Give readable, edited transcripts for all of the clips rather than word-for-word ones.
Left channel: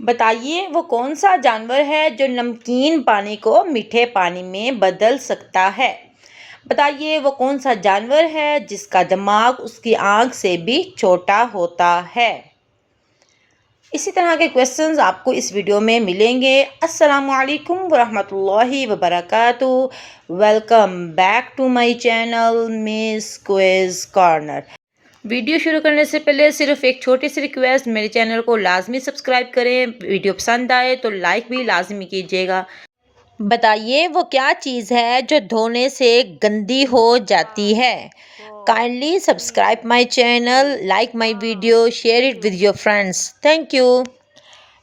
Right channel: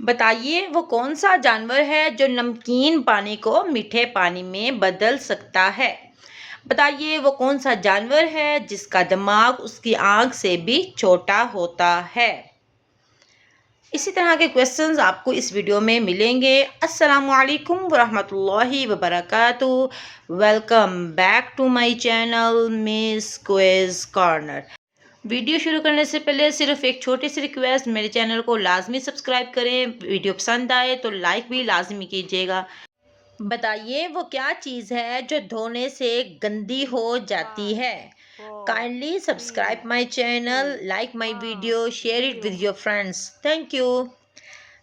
بتائیے وہ کون سا جانور ہے جو نمکین پانی کو میٹھے پانی میں بدل سکتا ہے؟ بتائیے وہ کون سا جانور ہے جس کا دماغ اس کی آنکھ سے بھی چھوٹا ہوتا ہے؟ اسی طرح کے کویسچنز آپ کو اس ویڈیو میں ملیں گے۔ السلام علیکم ورحمۃ اللہ وبرکاتہ۔ Welcome back to my channel miss quiz corner. Video شروع کرنے سے پہلے صرف ایک چھوٹی سی ریکویسٹ، میرے چینل کو لازمی سبسکرائب کریں، ویڈیو پسند آئے تو لائک بھی لازمی کیجیے گا۔ بتائیے وہ کیا چیز ہے جو دھونے سے گندی ہو جاتی ہے؟ Kindly subscribe my channel, like my video, share it with your friends, thank you.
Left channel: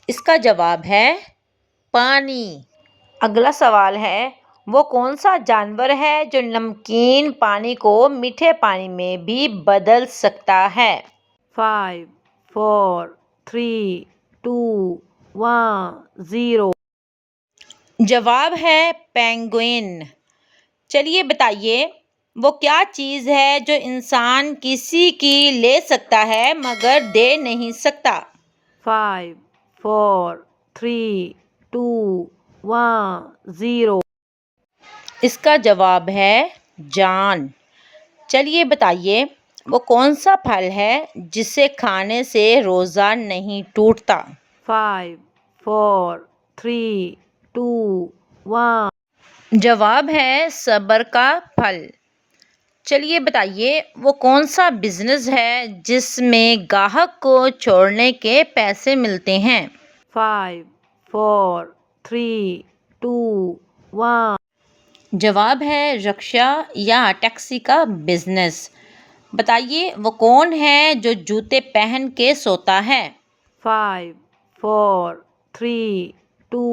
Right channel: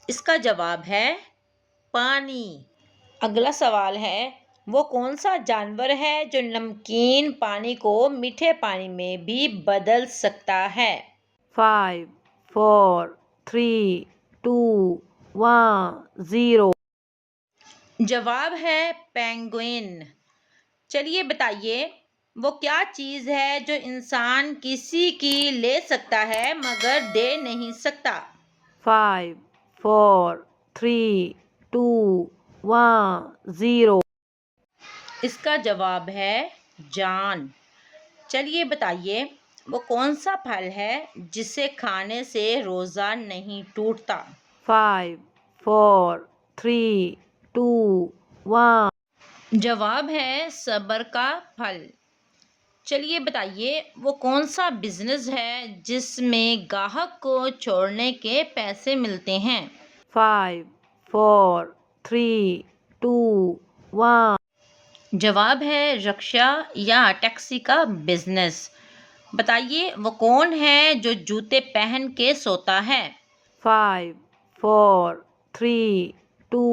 اس کا جواب ہے پانی۔ اگلا سوال ہے، وہ کون سا جانور ہے جو نمکین پانی کو میٹھے پانی میں بھی بدل سکتا ہے؟ 5 4 3 2 1 0۔ جواب ہے پینگوئن۔ چلیے بتائیے وہ کیا چیز ہے جو انسان کسی کی لے سکتا ہے مگر دے نہیں سکتا؟ 5 4 3 2 1 0۔ اس کا جواب ہے جان۔ چلیے بتائیے وہ کون سا پھل ہے جسے کھانے سے روزہ نہیں ٹوٹتا؟ 5 4 3 2 1۔ جواب ہے صبر کا پھل۔ چلیے بتائیے وہ کون سا بزنس ہے جس میں گاہک کو چھوڑنے کے پیسے ملتے ہیں؟ 5 4 3 2 1۔ جواب ہے رکشا یا ٹیکسی کا بزنس۔ بتائیے وہ کون ہے جو جوتے پہن کے سوتا ہے؟ 5 4 3 2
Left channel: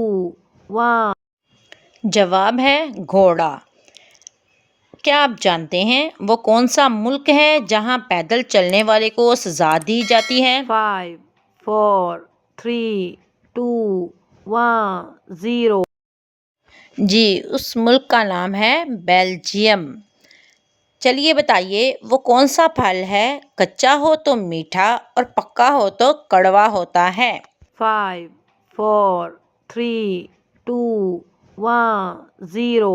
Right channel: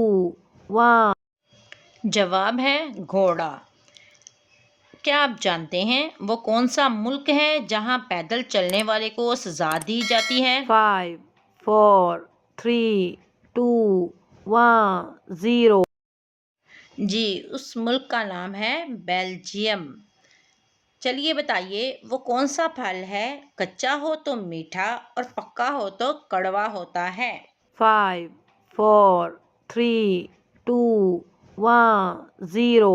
1۔ جواب ہے گھوڑا۔ کیا آپ جانتے ہیں وہ کون سا ملک ہے جہاں پیدل چلنے والے کو سزا دی جاتی ہے؟ 5 4 3 2 1 0۔ جی اس ملک کا نام ہے بیلجیم۔ چلیے بتائیے وہ کون سا پھل ہے کچا ہو تو میٹھا اور پکا ہو تو کڑوا ہوتا ہے؟ 5 4 3 2 1 0۔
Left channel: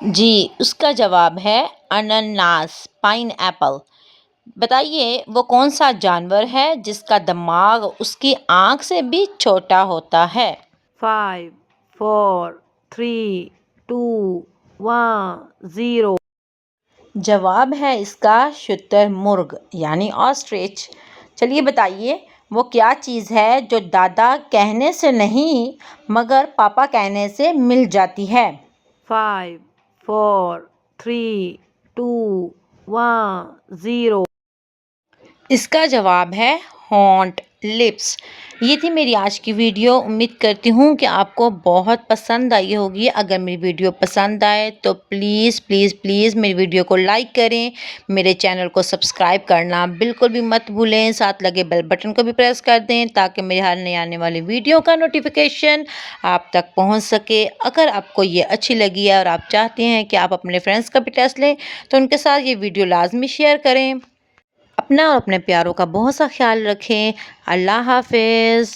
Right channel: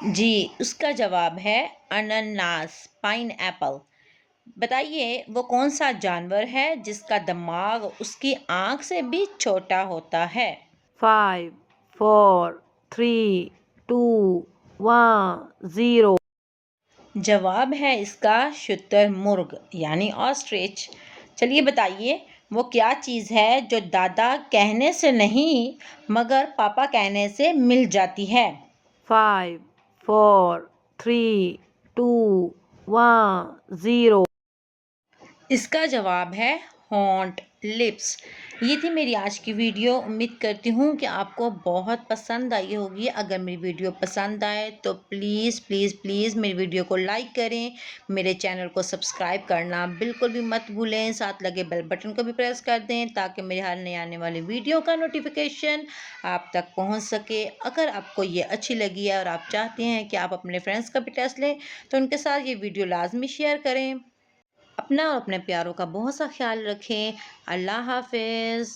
جی اس کا جواب ہے انناس، پائن ایپل۔ بتائیے وہ کون سا جانور ہے جس کا دماغ اس کی آنکھ سے بھی چھوٹا ہوتا ہے؟ 5 4 3 2 1 0۔ جواب ہے اس کا شتر مرغ یعنی آسٹرچ۔ چلیے بتائیے وہ کیا چیز ہے جو دادا کہنے سے نہیں مگر پاپا کہنے سے مل جاتی ہے؟ 5 4 3 2 1 0۔ اس کا جواب ہے ہونٹ، لپس۔ یہ تھی میری آج کی ویڈیو۔ امید کرتی ہوں کہ آپ کو بہت پسند آئی ہوگی۔ اگر میری ویڈیو پسند آئے تو پلیز پلیز پلیز میری ویڈیو کو لائک کریں، میرے چینل کو سبسکرائب کرنا بالکل بھی مت بھولیں، ساتھ لگے بیل بٹن کو بھی پریس کر دیں تاکہ میری ہر نئی آنے والی ویڈیو کا نوٹیفیکیشن آپ تک پہنچ سکے۔ اگر آپ کو یہ اچھی لگی ہے اور آپ چاہتے ہیں کہ آپ اپنے فرینڈس کا بھی ٹیسٹ لیں تو ان کے ساتھ یہ ویڈیو لازمی شیئر کریں۔ اپنا اور اپنے پیاروں کا بہت سا خیال رکھیں۔ اللہ حافظ۔